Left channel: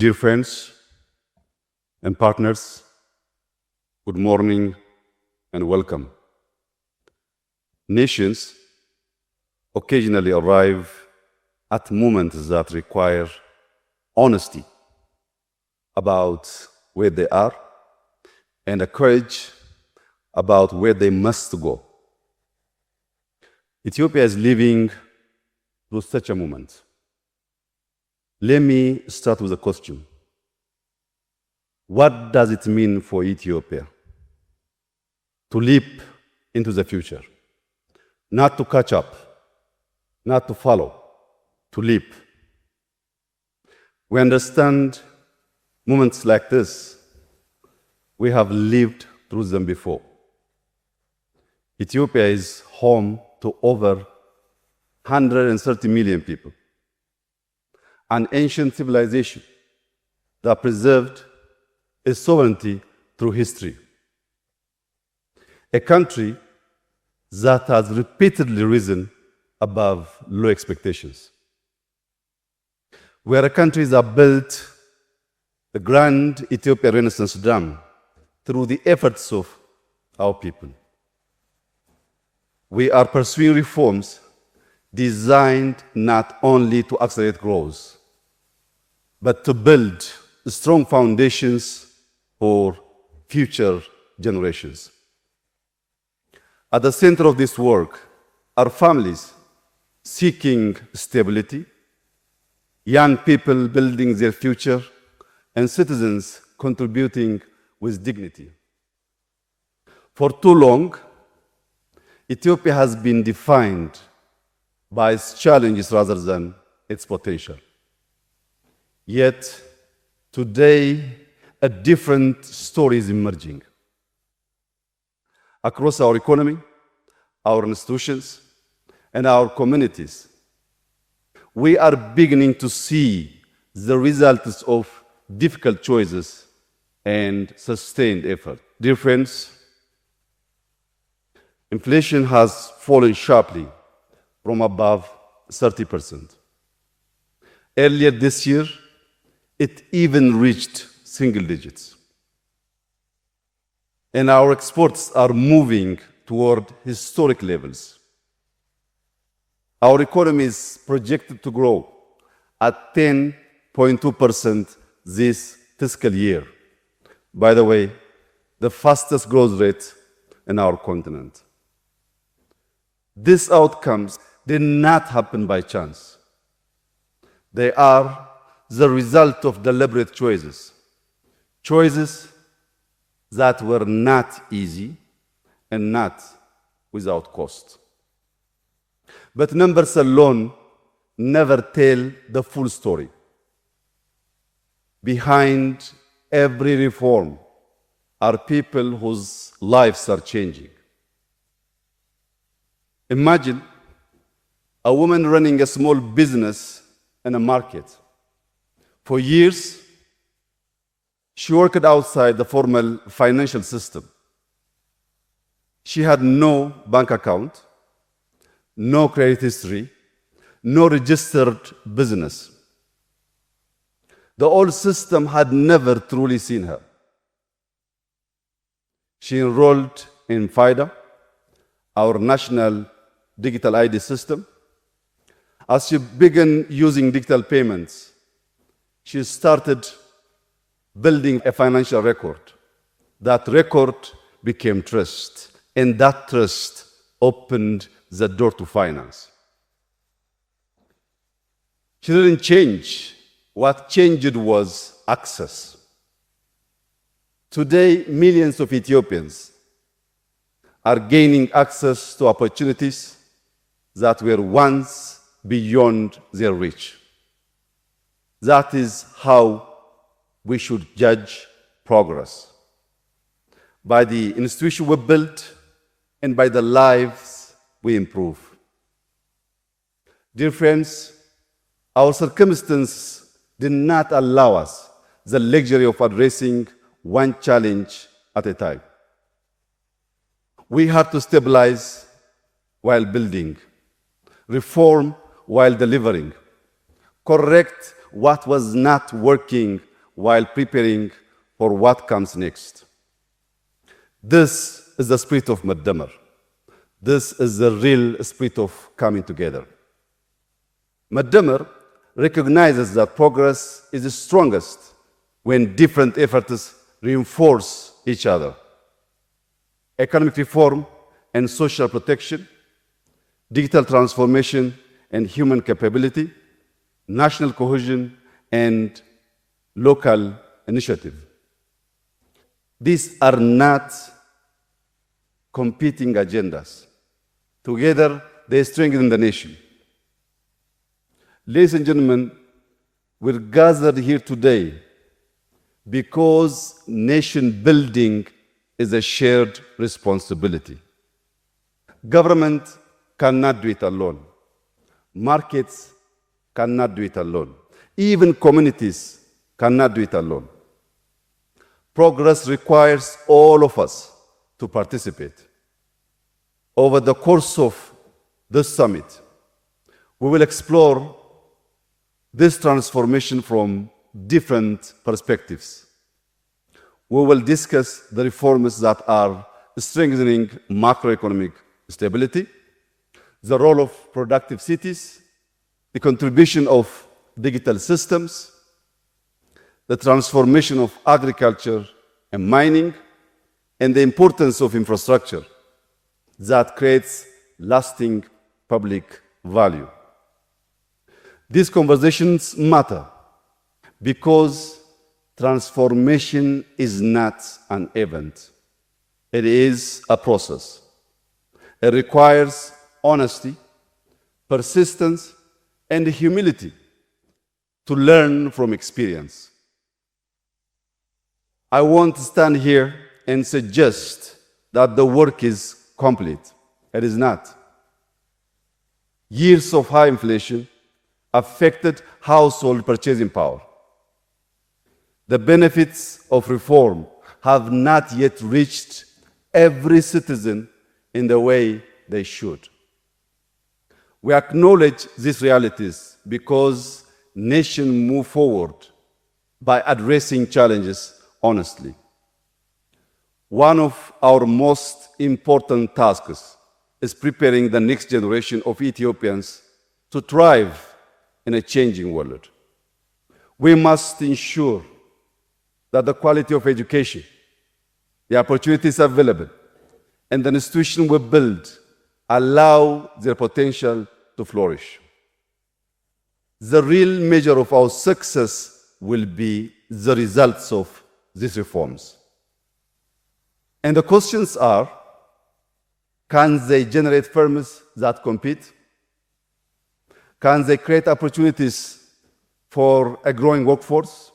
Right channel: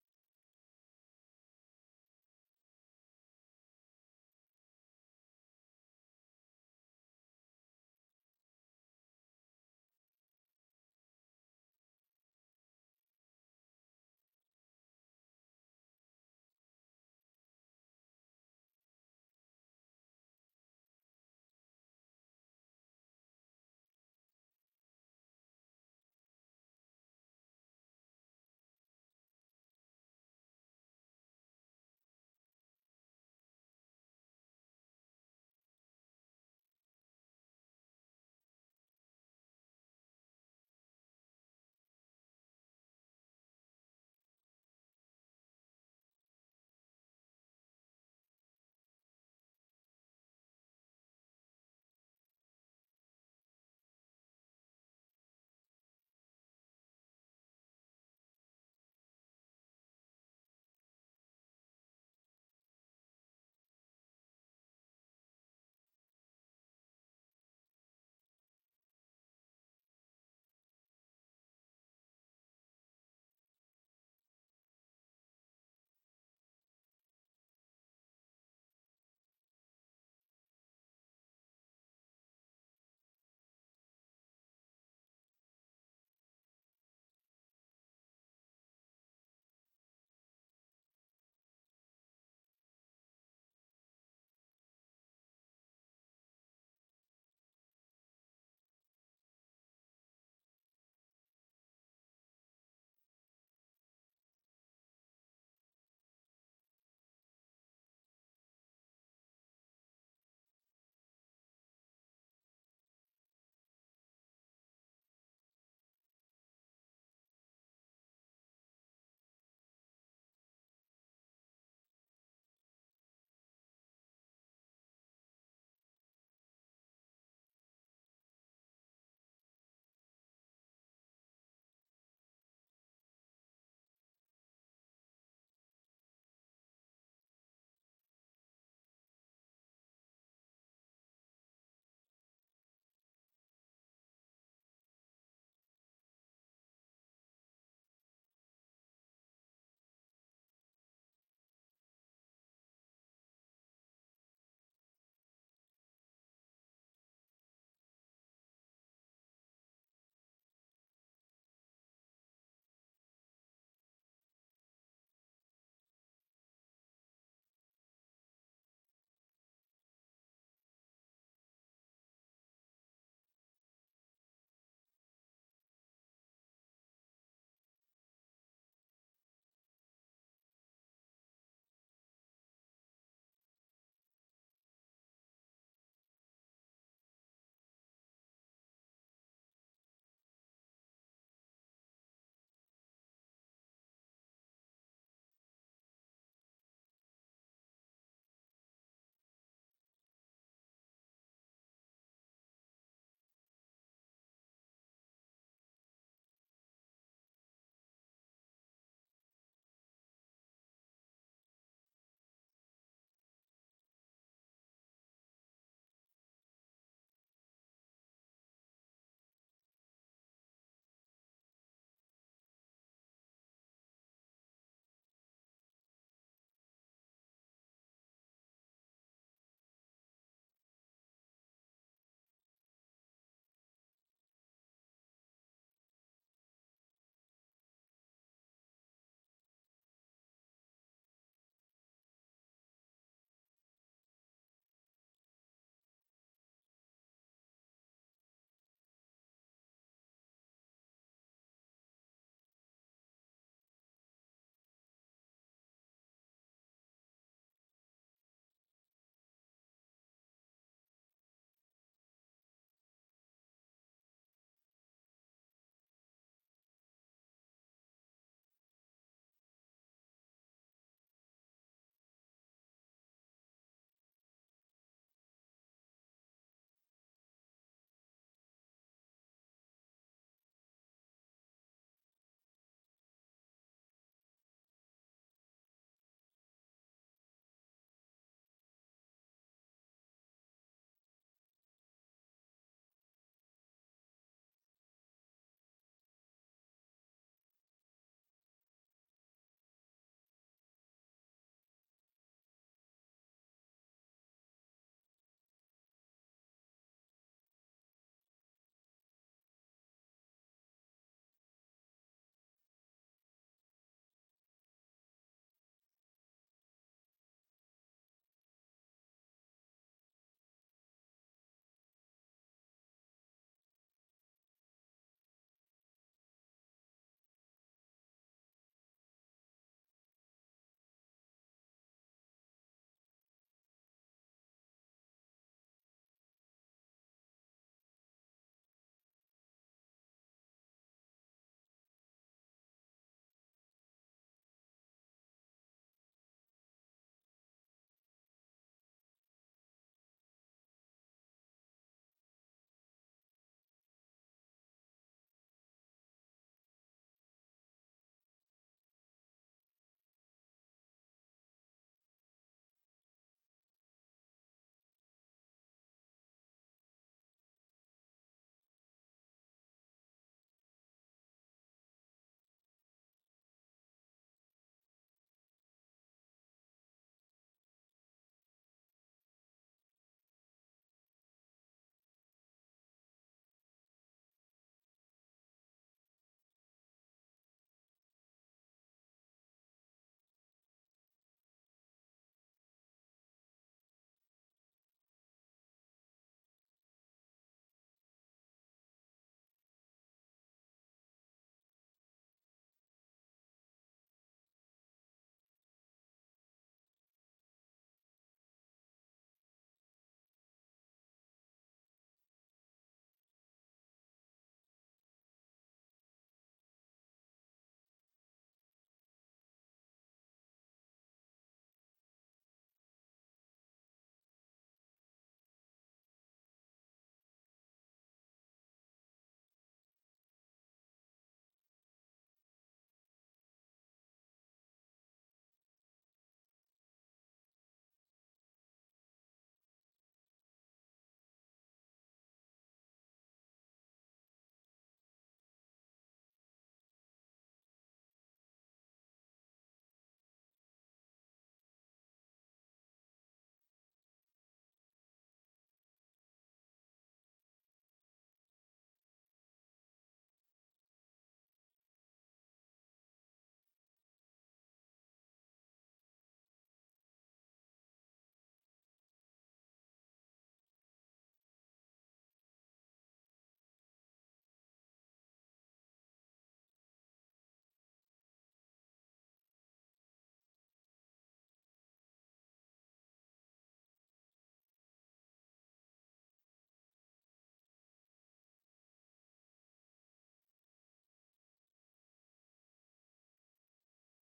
Dear friends and partners, good morning and welcome. Nations occasionally arrive at moments that require honesty about where they are and a courage about where they must go. Ethiopia is living through such a moment. Let me start with a question. What does it mean for Ethiopia to leap into the future? Not to catch up, not to follow, to leap. We understand moments like this. We have lived through them before. Ethiopia is home to over 130 million people, an ancient civilization that preserved its sovereignty through history. A country that has repeatedly risen above low expectations. We are a country that built the grand Ethiopia Renaissance Dam through the efforts of our people. We are pursuing reforms designed not only to accelerate growth, but to build strong foundations for future generations. At the center of this work are families seeking stability, young people building their future, and citizens contributing with dignity. For too long, Ethiopia has been defined by its challenges rather than its potential. Yet, today, a different story is emerging. Across our economy, our institutions, and our communities, we are beginning to see the results of difficult choices and sustained effort. Dear friends, inflation has fallen sharply from above 30%. Earlier this year, it even reached single digits. And our exports are moving toward historic levels. Our economy is projected to grow at 10.2% this fiscal year. By the way, the fastest growth rate in our continent. These outcomes did not happen by chance. They are the result of deliberate choices. Choices that were not easy and not without cost. But numbers alone never tell the full story. Behind every reform are people whose lives are changing. Imagine a woman running a small business in a market. For years, she worked outside the formal financial system. She had no bank account, no credit history, no registered business. The old system had never truly seen her. She enrolled in FIDA, our national digital ID system. As she began using digital payments, she started building a financial record. That record became trust, and that trust opened the door to finance. She didn't change. What changed was access. Today, millions of Ethiopians are gaining access to opportunities that were once beyond their reach. That is how we should judge progress. By the institution we built and by the lives we improve. Dear friends, our circumstances did not allow us the luxury of addressing one challenge at a time. We had to stabilize while building, reform while delivering, correct what was not working while preparing for what comes next. This is the spirit of Madmer. This is the real spirit of coming together. Madmer recognizes that progress is strongest when different efforts reinforce each other. Economic reform and social protection, digital transformation and human capability, national cohesion and local initiative. These are not competing agendas. Together, they strengthen the nation. Ladies and gentlemen, we're gathered here today because nation building is a shared responsibility. Government cannot do it alone. Markets cannot do it alone. Even communities cannot do it alone. Progress requires all of us to participate. Over the course of this summit, we will explore this transformation from different perspectives. We will discuss the reforms that are strengthening macroeconomic stability, the role of productive cities, the contribution of digital systems, the transformation of agriculture and mining, and the importance of infrastructure that creates lasting public value. These conversations matter because transformation is not an event. It is a process. It requires honesty, persistence, and humility to learn from experience. I won't stand here and suggest that the work is complete. It is not. Years of high inflation affected household purchasing power. The benefits of reform have not yet reached every citizen in the way they should. We acknowledge these realities because nations move forward by addressing challenges honestly. One of our most important tasks is preparing the next generation of Ethiopians to thrive in a changing world. We must ensure that the quality of education, the opportunities available, and the institutions we build allow their potential to flourish. The real measure of our success will be the results of these reforms. And the questions are, can they generate firms that compete? Can they create opportunities for a growing workforce?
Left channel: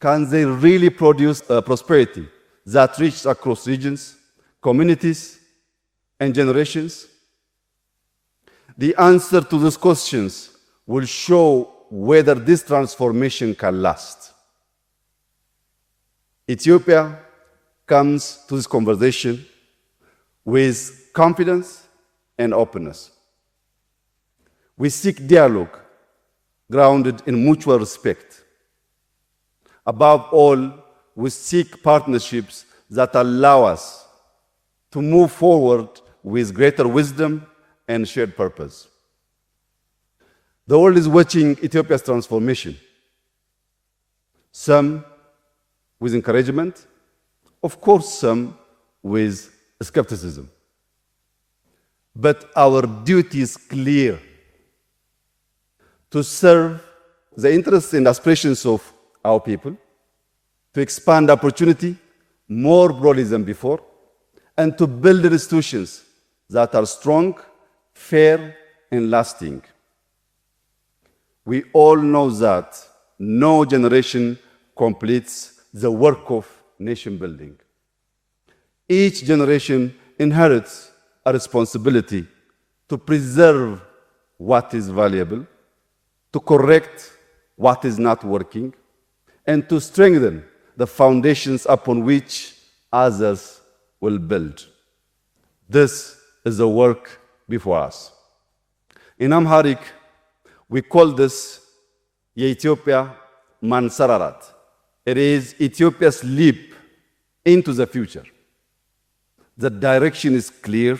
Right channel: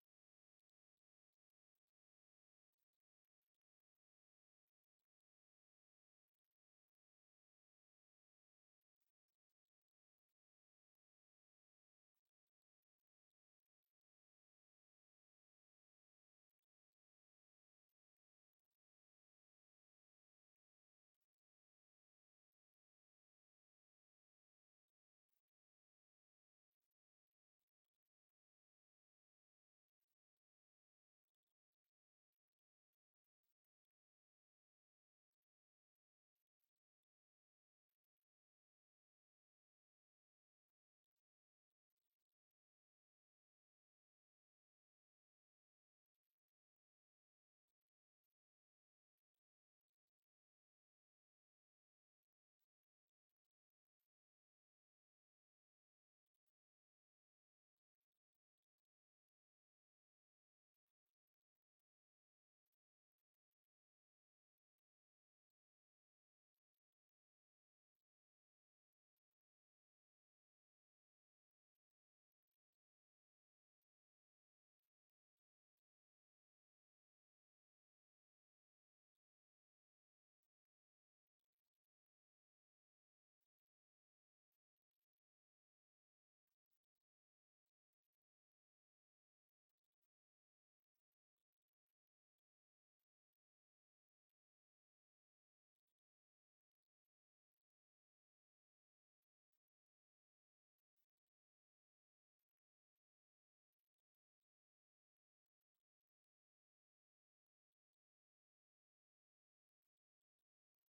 Can they really produce a prosperity that reaches across regions, communities, and generations? The answer to these questions will show whether this transformation can last. Ethiopia comes to this conversation with confidence and openness. We seek dialogue grounded in mutual respect. Above all, we seek partnerships that allow us to move forward with greater wisdom and shared purpose. The world is watching Ethiopia's transformation, some with encouragement, of course, some with skepticism. But our duty is clear: to serve the interests and aspirations of our people, to expand opportunity more broadly than before, and to build institutions that are strong, fair, and lasting. We all know that no generation completes the work of nation building. Each generation inherits a responsibility to preserve what is valuable, to correct what is not working, and to strengthen the foundations upon which others will build. This is the work before us. In Amharic, we call this የኢትዮጵያ ማንሰራራት It is Ethiopia's leap into the future. The direction is clear,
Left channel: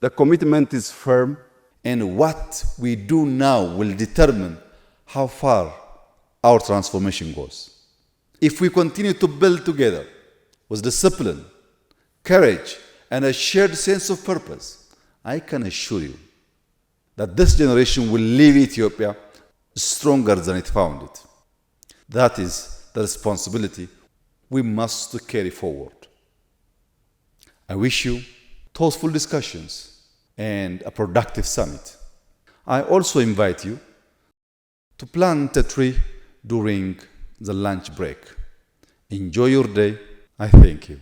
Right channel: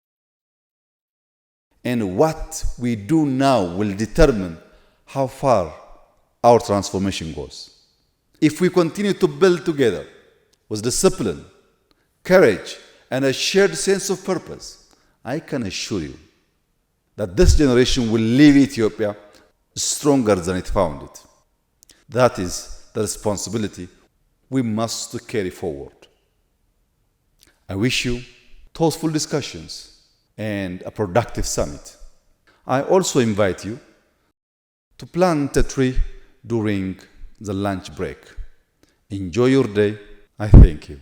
the commitment is firm, and what we do now will determine how far our transformation goes. If we continue to build together with discipline, courage, and a shared sense of purpose, I can assure you that this generation will leave Ethiopia stronger than it found it. That is the responsibility we must carry forward. I wish you thoughtful discussions and a productive summit. I also invite you to plant a tree during the lunch break. Enjoy your day. I thank you.